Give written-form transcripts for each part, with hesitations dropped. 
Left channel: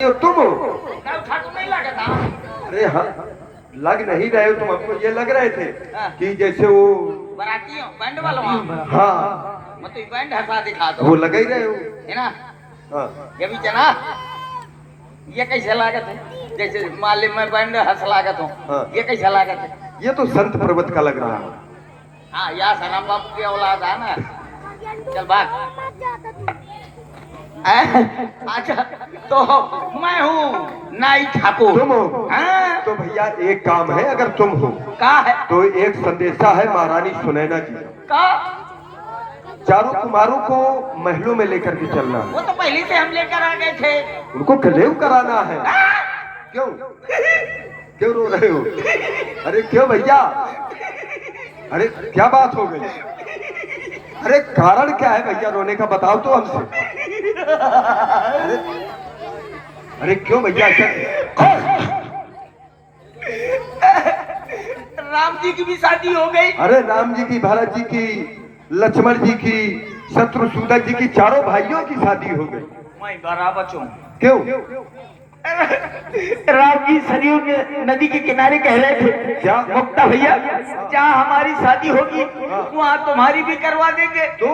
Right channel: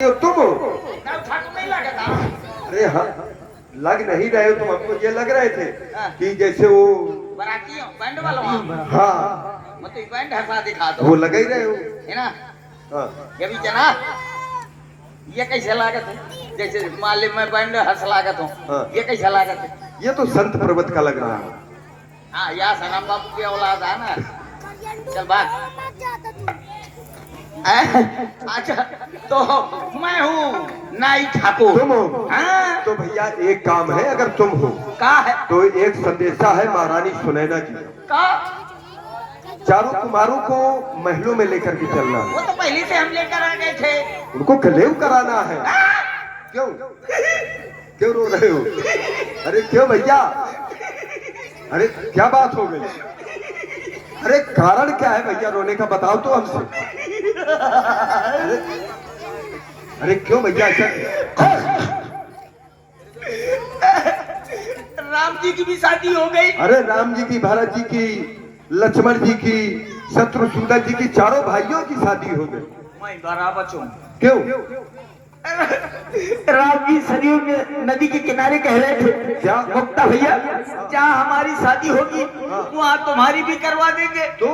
हो तुम हो? नहीं लगा था। अरे हाँ, लग नहीं रहे हो तुम। हमको ये लग रहे थे हाँ। कि जैसे वो बराती हो बैंड वालों हो। हाँ मतलब बैंड हंसा दिखा दो वो लगा ही रहे हो। है ना। हाँ ये भी जना ये कैसे लागत है जैसे माले में बैंड हंस लागत हो। हाँ। ये कैसे लागत है। ये तो संत पर्वत का लग रहा है। हाँ या सनम बाबू की औलाद है ना। चल बात अच्छा तो मैं हूँ नाई ठाकुर। तुम हो? हाँ तो भैया एक काम है, अगर तुम हो का है तो एक संदेशा है महारानी सुनैना जी। का चारों कुमारों को महलों में लेकर के चलना वो है। तो पहले से हम लेकर आ गए थे। उनको कलेव कराना है। क्यों क्यों रो रहे हो? अरे क्यों भैया? अरे क्या बात हो गई? अरे कारण क्या है भैया रोने का, बताओ तो हमसे। अरे क्यों भैया राम जी की भी शादी हो गई। अरे राम जी की, भरत जी की, लक्ष्मण जी की, शत्रुसूदन जी की, चारों भाइयों की शादी हो गई। मैं बराबर हूँ। क्यों? राम जी सरयू के नदी के किनारे कह रहे थे क्या? मुक्ता भैया जहाँ हमारी शादी होगी वहाँ तुम्हारी भी करवा देंगे। तो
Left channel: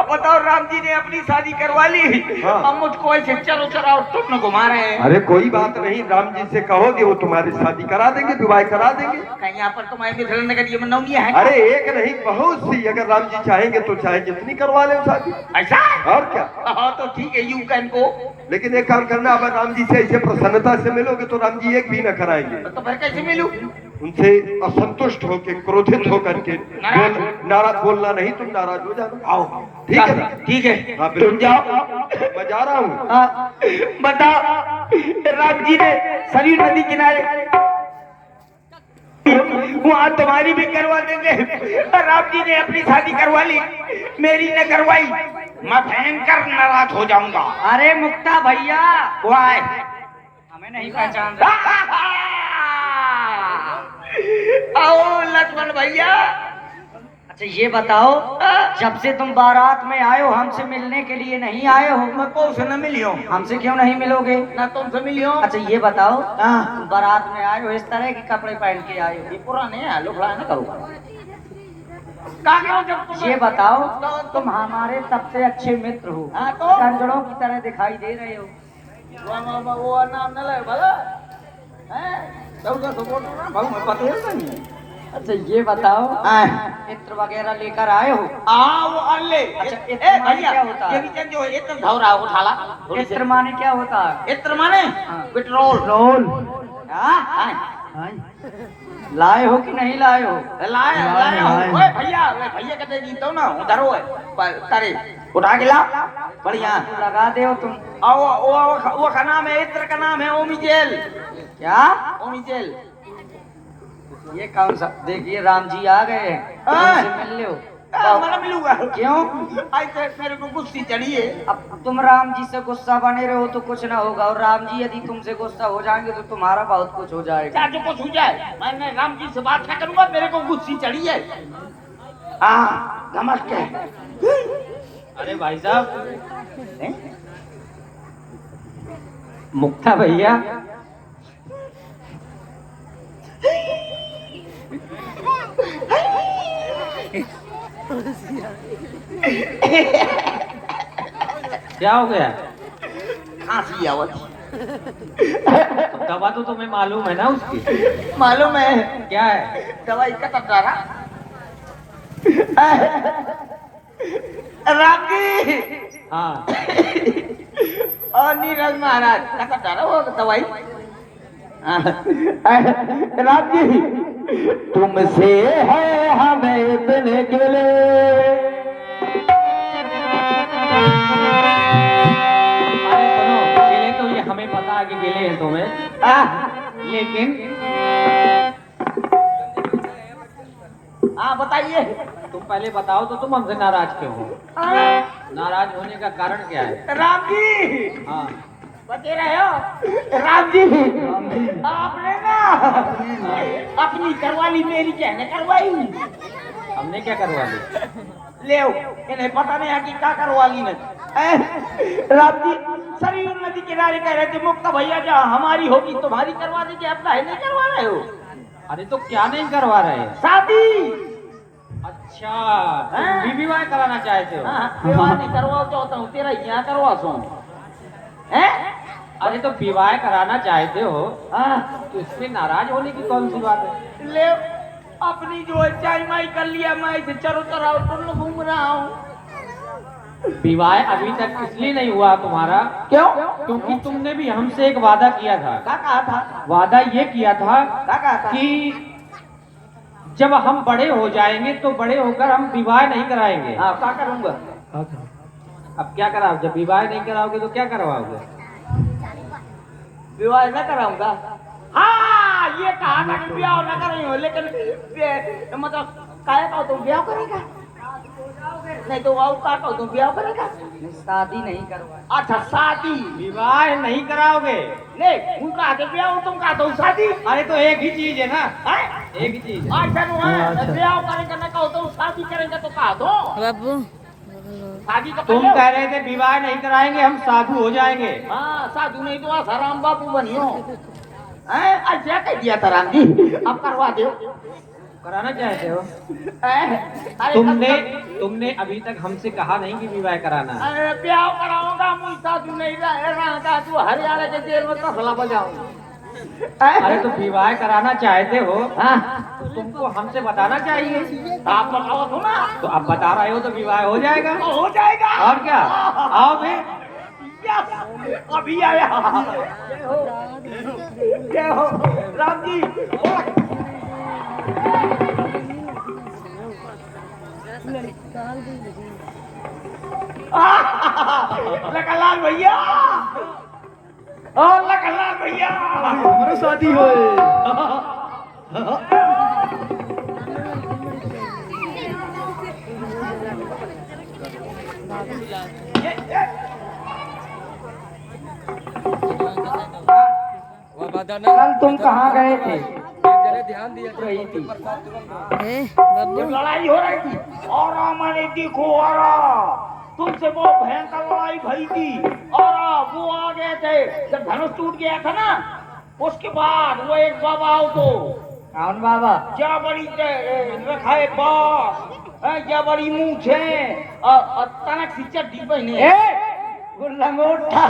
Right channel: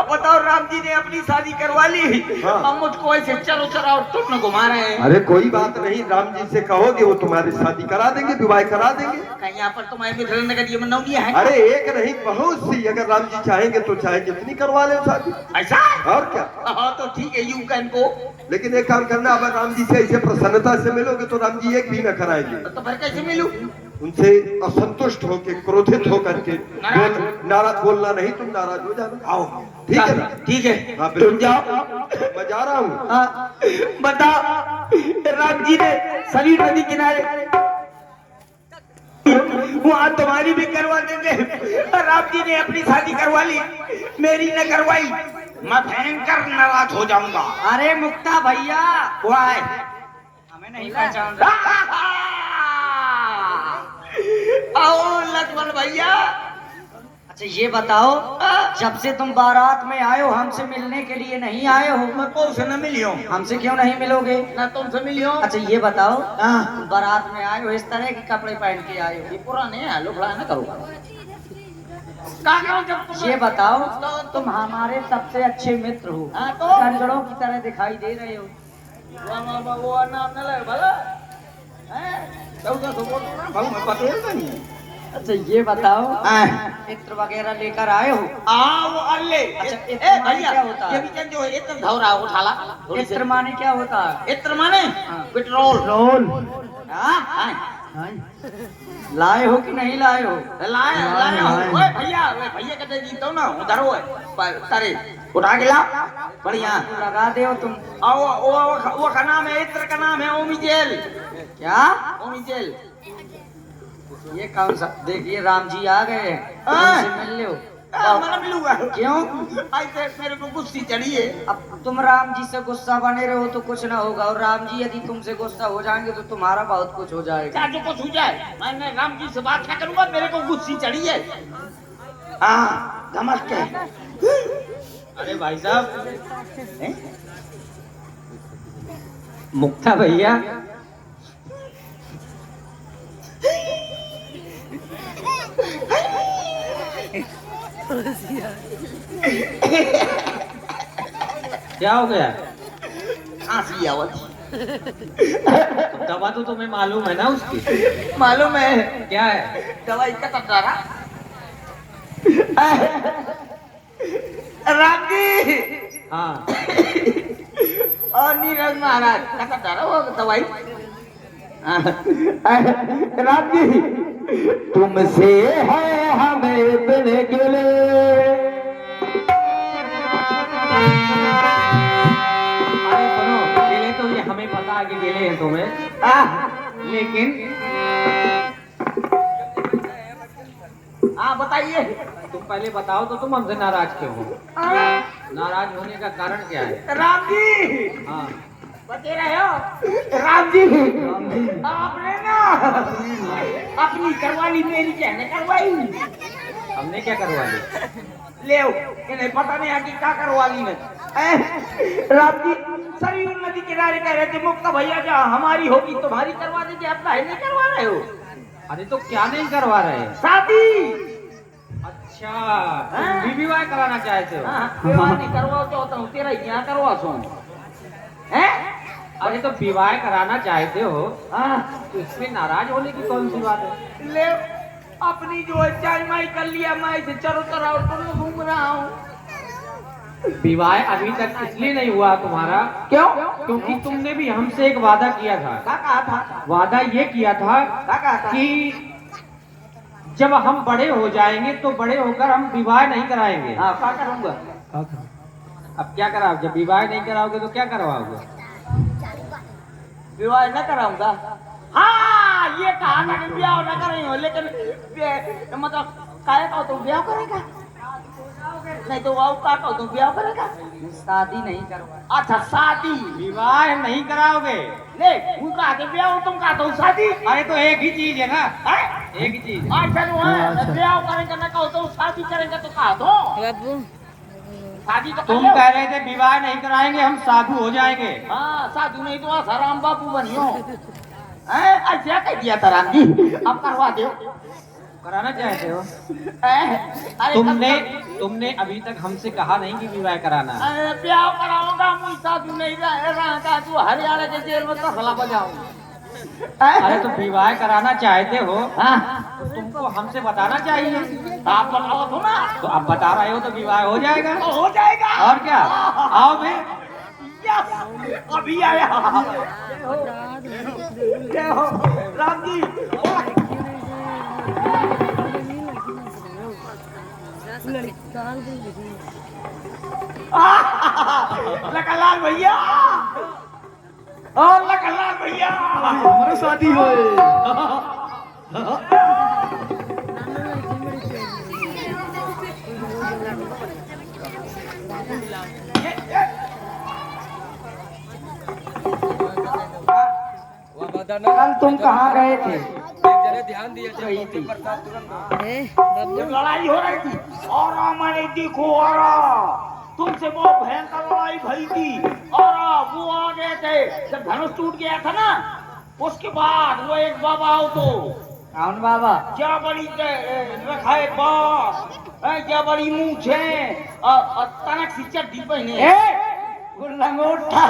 अब बताओ राम जी ने अपनी शादी करवा ली। हाँ। अब मुझको ऐसे चलो चलो तुम घुमा रहे हैं। अरे कोई बात नहीं, राम जी से कहोगे वो तुम्हारी शादी करा देंगे, विवाह करा देंगे। कहीं यहाँ पर तुम्हारे मिथिला नगर ये मनौनी है। अरे एक नहीं बहुत सी, अगर राम जी चाहेंगे तो चाहे जितनी करवा ले शादी। ऐसा और क्या? हाँ तो ठीक है यू कैन गो। लेकिन एक काम करना, अगर राम जी से ऐसे प्रसन्नता से मिलोगे तो राम जी एक भी न कराएंगे। तो फिर कैसे मिलूं? उनसे असंतुष्ट होके, क्रोधित होकर के नाराज बोलना नहीं, तुम नाराज हो जाना। आओ ठीक है ना? ठीक है हाँ तुम बिल्कुल। जाओ। मैं जा रहा हूँ। हाँ, बताओ राम जी ने सरी नदी किनारे वहाँ तुम्हारी भी करवा देंगे। राम जी ने अपनी शादी करवा ली, मेरी ने करवाई, मैं भयंकर नाराज हो जाऊंगा। अरे मुक्ता भैया वो आए, हमें नहीं पहचान रहा। आओ लक्ष्मण भैया। अच्छा ये बताओ, जब से तुम बारात में आए हो हमसे मिलने के लिए नहीं आए हो? मैं कौन से न मिलियो? हमसे क्यों नहीं मिलोगे? ना तुमसे मिलियो। अच्छा ये बताओ, हाँ। तुम बारात में आए हो इस तरह के कपड़े पहन के आए हो? ये पुराने हैं, लोग ना करो। का करो जब ये बताओ, तुम हमारे सबसे अच्छे मित्र हो, हाँ तो कंजड़ों की तरह दिखाई दे रहे हो। वो नाम न ले भला हैं तो बोल ना भाऊ मैं पता नहीं। अच्छा ये बताओ, हाँ। मित्र वगैरह लेकर आए हो? वो अल्ले अच्छा, ए इत्र माने भैया क्या होता है? ये भी जो है इत्र धौरा उठाला मित्र माने क्या होता है? इत्र माने हाँ। पेट्रोल। रोल। हां लाए हो कि नहीं लाए हो? लाए ओए भैया कहते जी तो ना उधर हो तारे उठा के ला बढ़िया लगा दे हो तुम। वो का नाम है इत्र का नाम है ओमिजेल। क्या? ओमिजेल ये कौन सा? देखिए राम जी आ गए हैं, हाँ। तुमसे मिल लो। मैं मिलूंगा। क्यों? ऐसे मेरे को गुस्सी चढ़ी है। अब तुम राम जी से गुस्सा बने रहे हो तो कुछ ना होगा, और राम जी यदि तुमसे गुस्सा हो जाएंगे तो तुम्हारा बहुत कुछ हो जाएगा। क्या जो कुछ हो जाए मैंने राम जी से बात क्या करूंगा, मेरे को गुस्सी चढ़ी है। हाँ नमस्ते। अरे भाई साहब, मुक्ता भैया, क्या हो गया? खांसी आवत तो दवा तो तुम्हें मालूम है ना उसकी? मालूम है क्या है? दवाई का तटारा। राम जी हाँ और नीरज महाराज का तटारा वो दवाई। राम जी तुमसे है हमें मिलने के अरे सुनो, गिले तो ये हमें पता है कि गिले हैं तुम्हें, लेकिन हाँ बताइए। तुम पहले बताओ तो तुम हमसे नाराज क्यों हो? नाराज होने का कारण क्या है? राम जी हाँ बचे रहे हो। राम जी आपने ना अपनी करवाली मेरी कहने करवाई। हमने क्या करवा ली? ले इन्हें पता नहीं है कि क्या करवा ली ने। राम जी सरयू नदी किनारे कह रहे थे मुक्ता भैया जहाँ हमारी होगी तुम्हारी करवा दीजिए, अपना है नहीं करवा रहे हो अरे तो क्या नहीं करवा रहे हैं? शादी। अच्छा, तुम भी विवाह कराना चाहते हो? हाँ, विवाह नहीं करवाओ चाहता हूँ, तेरा यहाँ करवा सो हैं? अरे तो विवाह कराना चाहते हो हाँ, तो इसमें नाराज होने की कौन सी बात है? ले अपनी जो है चाय माई कर लिया, मैं इसे चारों तरफ घूम रहा हूँ। विवाह अभी तक इसलिए नहीं हुआ तुम्हारा क्यों? क्योंकि तुमने भी हमसे एक वादा किया था। क्या कहा था? वादा ये किया था क्या कहा था? कि जब हम बड़े हो जाएंगे तो बड़े होकर हम विवाह नहीं कराएंगे। हाँ, क्या करूँगा? अब क्या कराओ? जब विवाह नहीं कराओगे तो क्या करवाओगे? विवाह न कराऊंगा। हाँ, ये कहा था कि ब्याह न करेंगे, लेकिन मतलब काहे का तुम ब्याह करेगा? नहीं तो वाव का कहूँ तुम ब्याह करेगा? शादी नहीं करवा। अच्छा, शादी। विवाह नहीं कराओगे? नहीं, वो कहा था ब्याह, तुम कहा तो शादी। अरे तो एक ही चीज है ना, हैं? एक ही चीज है। ऐसा नहीं है, ब्याह करेंगे न कहो तो शादी करेंगे तो कहा दो। बाबू शादी तो तुम कर लो। कह रहे थे विवाह नहीं कराएंगे, हम साधु हो जाएंगे। हाँ, साधु नहीं तो आसाराम बापू बनियो। हैं? ऐसा कह दिया था राम जी, अब करवा दो। कराना चाहते हो? हैं? अरे तुमने अभी तक हमसे कहा नहीं कि विवाह कराना है। अरे ब्याह कराऊंगा, मुझ साधु नहीं रहा था, तू हरियाणा के जेल में कसला बजाऊंगा। अरे तो विवाह कराना चाहते हो हाँ, तो तुमको हमसे बताना चाहिए। आप बताओ तो ना। तो अब बता रहे हो तो विवाह हो जाएगा। तो हो जाएगा। और क्या, आओ बे। यस, अभी आया। क्या हो राम जी? लखनलाल भैया, ओ लखनलाल भैया, हमारी शादी हो कल तुम कहाँ गए थे? ध्यान दिया बाबू जब लड़ाई हो रही थी और मैंने देखो और तुमसे वो भयंकर लड़ाई भई थी और वो आ गए थे जब धनुष टूट गया था ना, उसके बाद वो एक बाबा आओ तो कौन बाबा? क्या बड़ी रखाए बास, क्या बड़ी मूछे तनक सी चड्डी पहने। वो लंगोटा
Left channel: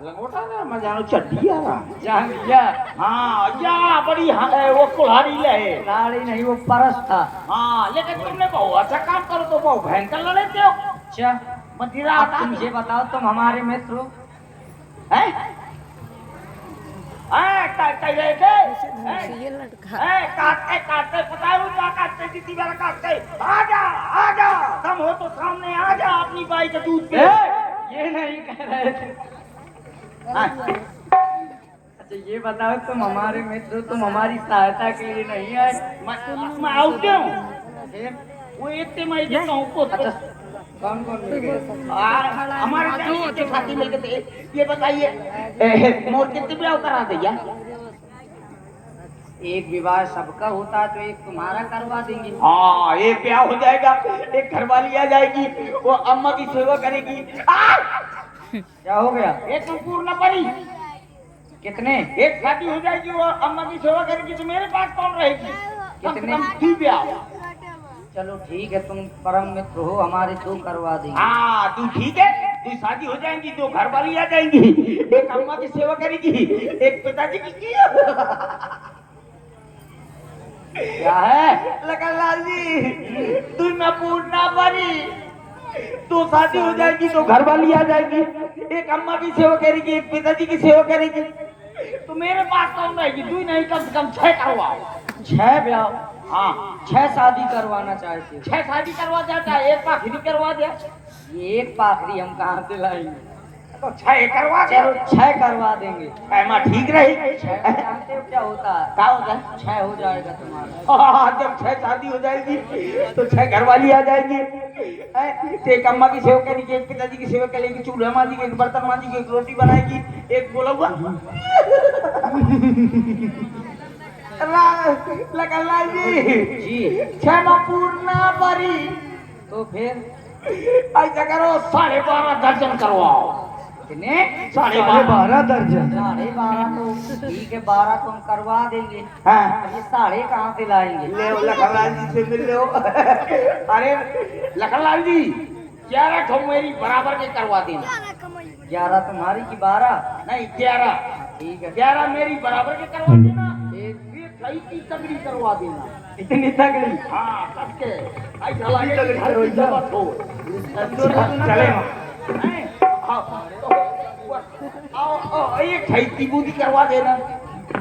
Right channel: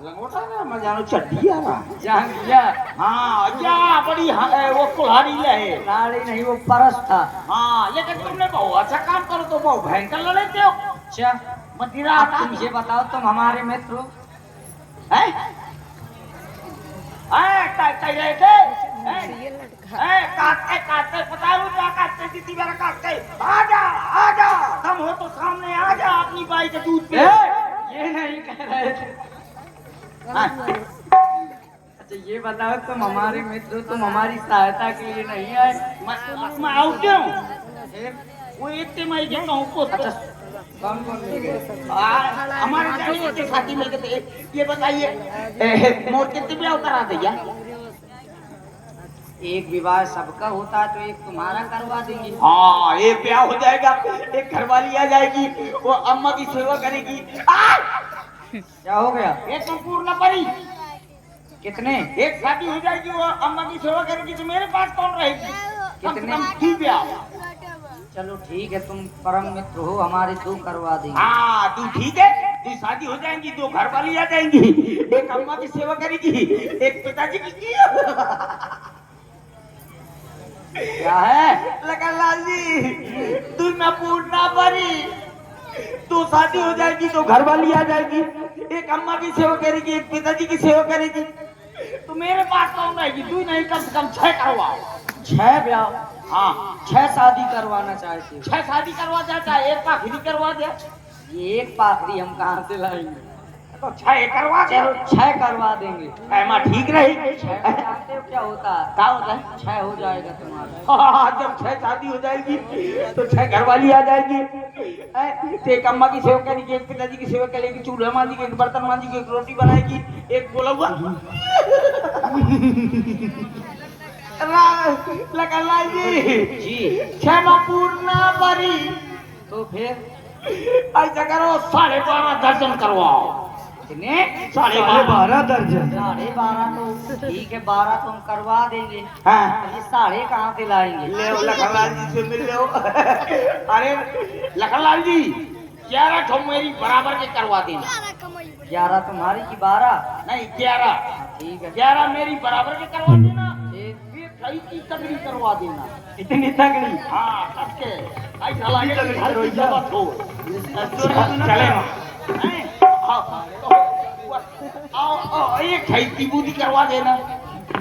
लंगोटा ना मैं जानो चड्डी आ जान गया। हाँ, क्या बड़ी वो कुल्हाड़ी लहे। साड़ी नहीं, वो परस था। हाँ, लेकिन तुमने बहुत अच्छा काम करो तो बहुत भयंकर लड़े थे हो। अच्छा, मदिरा अब तुम ये बताओ, तुम हमारे मित्र हो? हैं? कह रहे थे? काटते पता है वो क्या काटते थी? मेरा काटते आ जा कम हो तो सामने आ जा अपनी बाई के दूध पे। ये नहीं कह रहे थे। अच्छा ये बताओ, तुम हमारे मित्र हो, तुम हमारी सहायता के लिए नहीं आए? मैं आउटे हूँ। वो इतने मैं देता हूँ को। अच्छा, कौन कौन मिल गए? हमारे जाने के साथी मिल गए थे। ये बताइए मोर कितने ब्याह करा दिया? एक विवाह सबका होता है तो एक तुम्हारा करवा देंगे। हाँ, एक ब्याह हो जाएगा, एक घरवाली आ जाएगी, वो अम्मा की सेवा करेगी। क्या हो गया? एक पूर्ण पड़ी, कितने? एक शादी हो जाएगी, वो अम्मा की सेवा करेगी तो मेरे पास कौन रहेगी? कितने? कम से कम 2 ब्याह। चलो ठीक है, तुम परम मित्र हो, हमारे 2 करवा देंगे। हाँ, तू ठीक है, तू शादी हो जाएंगी, 2 घरवाली आ जाएंगी, एक अम्मा की सेवा करेगी, एक पिताजी की। क्या है? लखनलाल जी, तू न पूछना पड़ी, तो शादी हो जाएगी तो घरवाली आ जाएगी, एक अम्मा की सेवा करेगी, एक पिताजी की सेवा करेगी, तो मेरे पास कौन रहेगी? तू नहीं, कम से कम 6 करवाओ। 6 ब्याह? हाँ, 6 शादी करवाना चाहते हो? 6 शादी करवा देता है, एक पाखड़ी करवा दे ये एक पाखड़ी हम कहाँ से लाएंगे? तो 6 करवा दे। चलो 6 करवा देंगे। ऐमा ठीक रही। 6 जानते हो क्या होता है? क्या होता है? 6 हो जाएगा तुम्हारा। हाँ, जब 6 शादी हो जाएगी तो 6 घरवाली आ जाएगी, तो एक अम्मा की सेवा करेगी, एक पिताजी की सेवा करेगी, चूल्हा मांजेगी, एक बर्तन मांजेगी, एक रोटी बनाएगी, एक बोला लखनलाल जी 6 पूर्ण परी। तो फिर ऐसा करो 12.5 दर्जन करवाओ। कितने? 12.5 दर्जन। 12.5 तो ठीक है, 12 तुम करवा देंगे। हाँ ये 12.5 कहाँ से लाएंगे? ले लखनलाल जी से मिल लो। अरे लखनलाल जी 11 ठो मेरी बराबर के करवा देना। 11 तुम्हारी की 12? नहीं 11 ठीक है। 11 मेरी बराबर के करवा देना। एक ये सही की तगड़ी करवा देना। इतनी तगड़ी? हाँ सबके ऐसा लगे चले एक खैती बूदी करवा देना।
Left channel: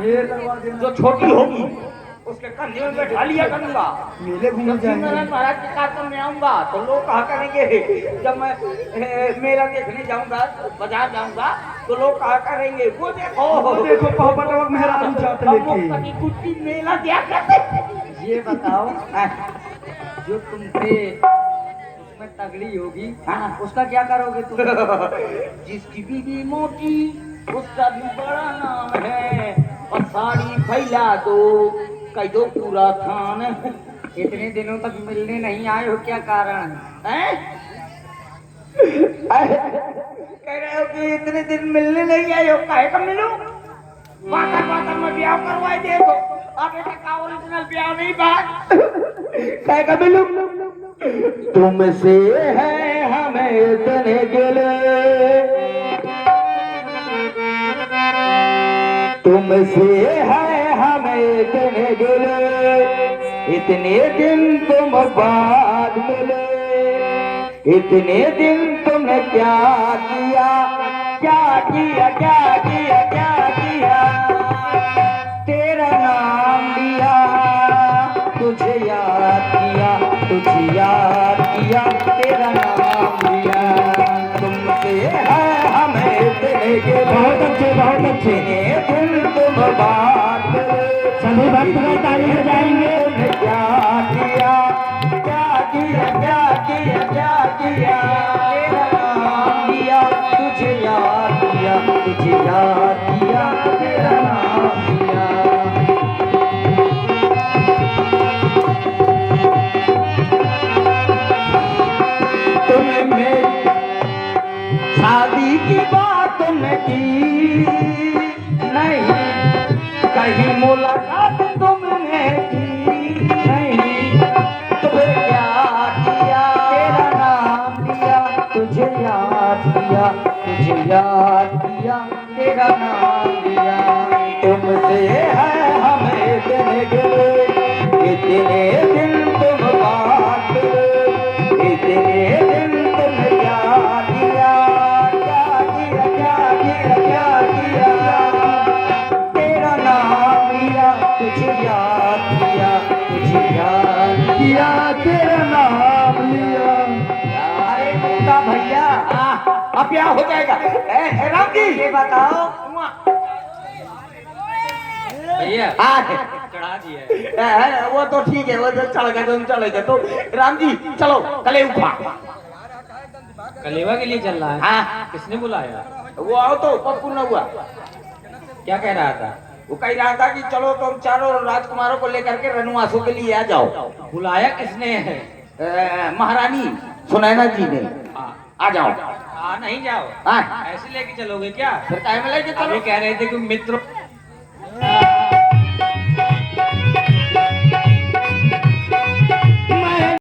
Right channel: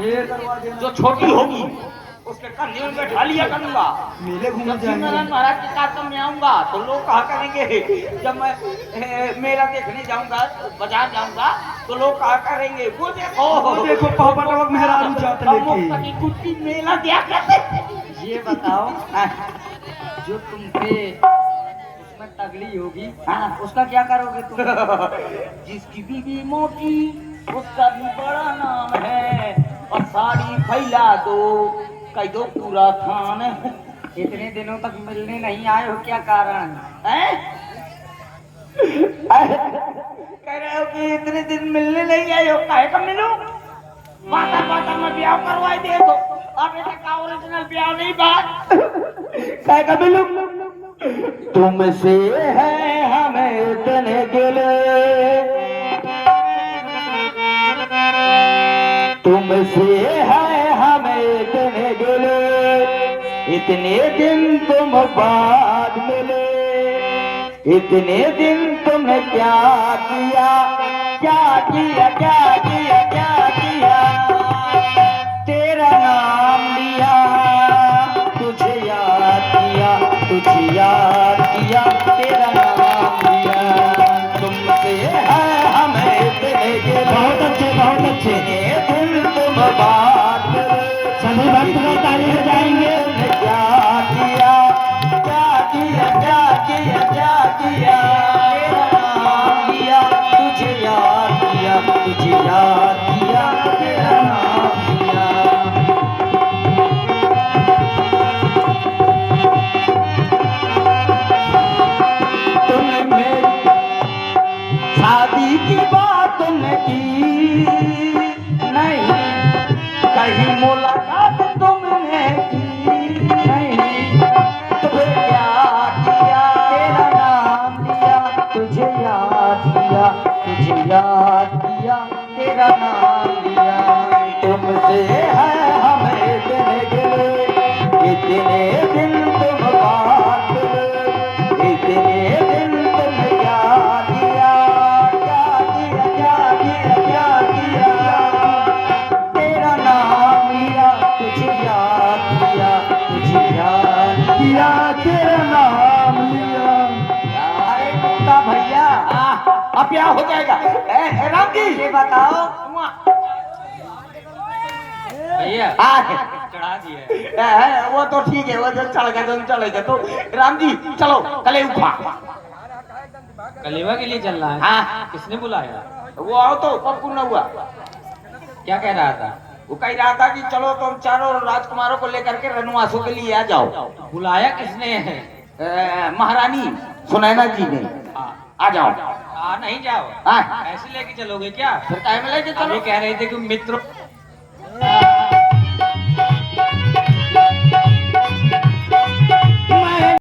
ये करवा देना। जो छोटी होगी उसके कंधे में बैठा लिया करूंगा। मेले घूमने जब जाएंगे। सिमरन महाराज के कार्य में आऊंगा तो लोग कहा करेंगे, जब मैं मेला देखने जाऊंगा बाजार जाऊंगा तो लोग कहा करेंगे वो देखो पापा मेहरारू जात लेके। कुत्ती मेला क्या करते। ये बताओ, जो तुमसे इसमें तगड़ी होगी है ना, उसका क्या करोगे तुम? जिसकी बीवी मोटी उसका भी बड़ा नाम है, और साड़ी फैला दो कह दो पूरा खान। इतने दिनों तक मिलने नहीं आए हो, क्या कारण है? हैं? कह रहे हो कि इतने दिन मिलने नहीं आए हो, काहे का मिलूं? वादा में ब्याह करवाए दे तो अब ऐसे का ओरिजिनल ब्याह नहीं बात। काहे का मिलूं? तुमसे है हमें इतने गिले, तुमसे है हमें इतने गिले, इतने दिन तुम बाद मिले, इतने दिन तुमने क्या किया, क्या किया, क्या किया, क्या किया। तेरा नाम लिया, तुझे याद किया, तुझे याद किया, तेरा नाम लिया। तुमसे है हमें इतने गिले, बहुत अच्छे दिन तुम बात करे, सभी बात ताली जाएंगे। क्या किया, क्या किया, क्या किया, क्या किया। तेरा नाम लिया, तुझे याद किया, तुझे याद किया, तेरा नाम लिया। तुमने मेरी शादी की बात न की, नहीं कहीं मुलाकात तुमने की, नहीं तुम्हें क्या किया, तेरा नाम लिया, तुझे याद किया, तुझे याद किया, तेरा नाम लिया। तुमसे है हमें इतने गिले, इतने दिन तुम बात करे, इतने दिन तुमने क्या किया, क्या किया, क्या किया, क्या किया। तेरा नाम लिया, तुझे याद किया, तुझे याद किया, तेरा नाम लिया। अरे मोटा भैया, अब क्या हो जाएगा? राम जी ये बताओ, भैया हाँ, चढ़ा दिया। वो तो ठीक है, वो तो चलेगा, तो चलेगा। तो राम जी चलो कले उठा। कलेवा के लिए चल रहा है? हाँ। किसने बुलाया? वो आओ तो पप्पू न हुआ। क्या कह रहा था? वो कह रहा था कि चलो तुम चारों राजकुमारों को लेकर के रनुआसु के लिए आ जाओ। बुलाया किसने है? महारानी सुनैना जी ने। आ जाओ। नहीं जाओ। हाँ। ऐसे लेके चलोगे क्या? फिर टाइम लेके ये चलो। कह रहे थे कि मित्र